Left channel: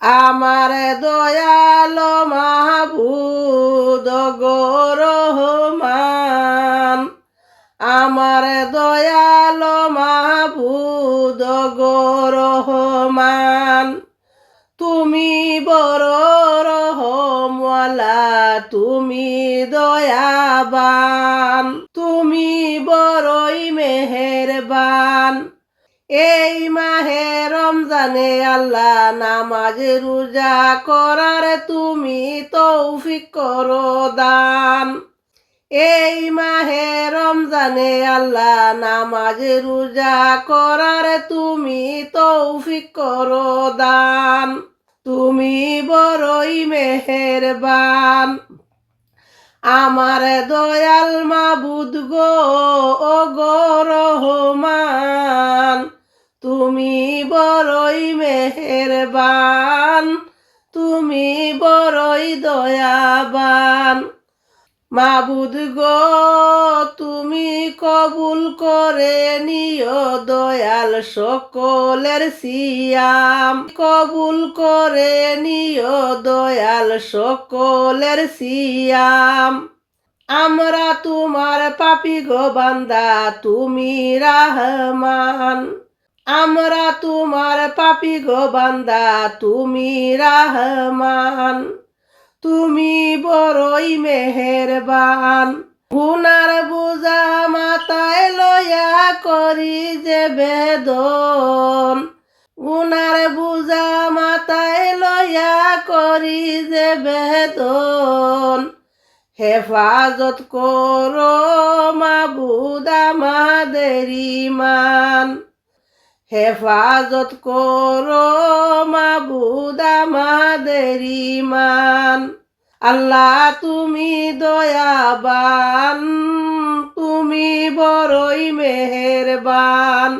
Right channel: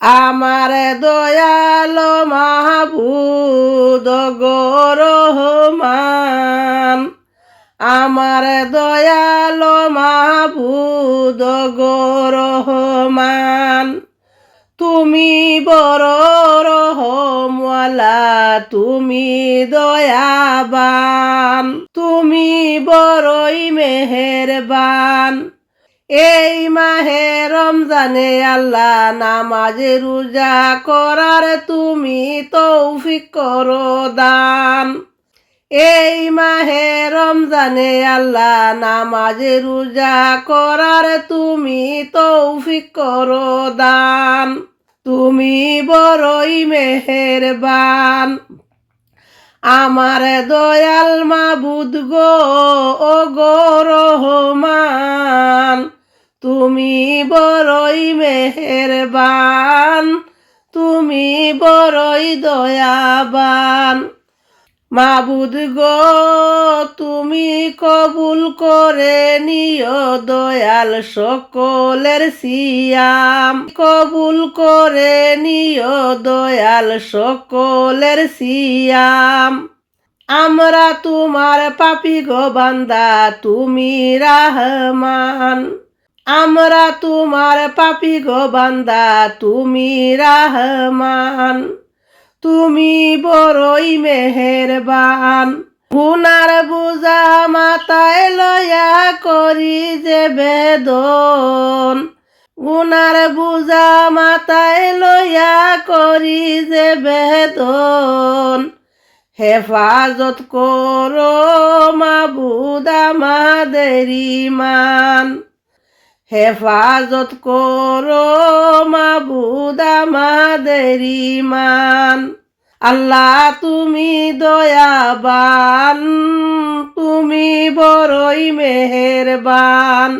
আমার দয়াল মাহবুদ গো রহমান, আমার দয়াল মাহবুদ গো রহমান, তুমি বড় রহমওয়ালা, তুমি দয়াবান, তুমি বড়ই মেহেরবান। এই মাহে রমজানে আল্লাহ নামাজে রোজা করার তুমি তৌফিক করো দান। এই মাহে রমজানে আল্লাহ নামাজে রোজা করার তুমি তৌফিক করো দান। তুমি বড়ই মেহেরবান। আমার দয়াল মাবুদ গো ও গো রহমান, তুমি বড়ই মেহেরবান, তুমি বড়ই দয়াবান। মাবুদ গো তুমি কবুল করে নিও দয়াল সকলের সিয়াম, কবুল করে নিও দয়াল সকলের সিয়াম। আমরা তোমার পাপী গো বান্দা, তুমি রহমান, আমরা তোমার পাপী গো বান্দা, তুমি রহমান, তুমি বড়ই মেহেরবান। গুনার বোঝা মাথায় লয়া করি যে বেদন, গুনার বোঝা মাথায় লয়া করি যে বেদন। হেফাজত করো মাবুদ আমাদের ঈমান, হেফাজত করো মাবুদ আমাদের ঈমান। আল্লাহ তুমি দয়াবান, তুমি বড়ই মেহেরবান।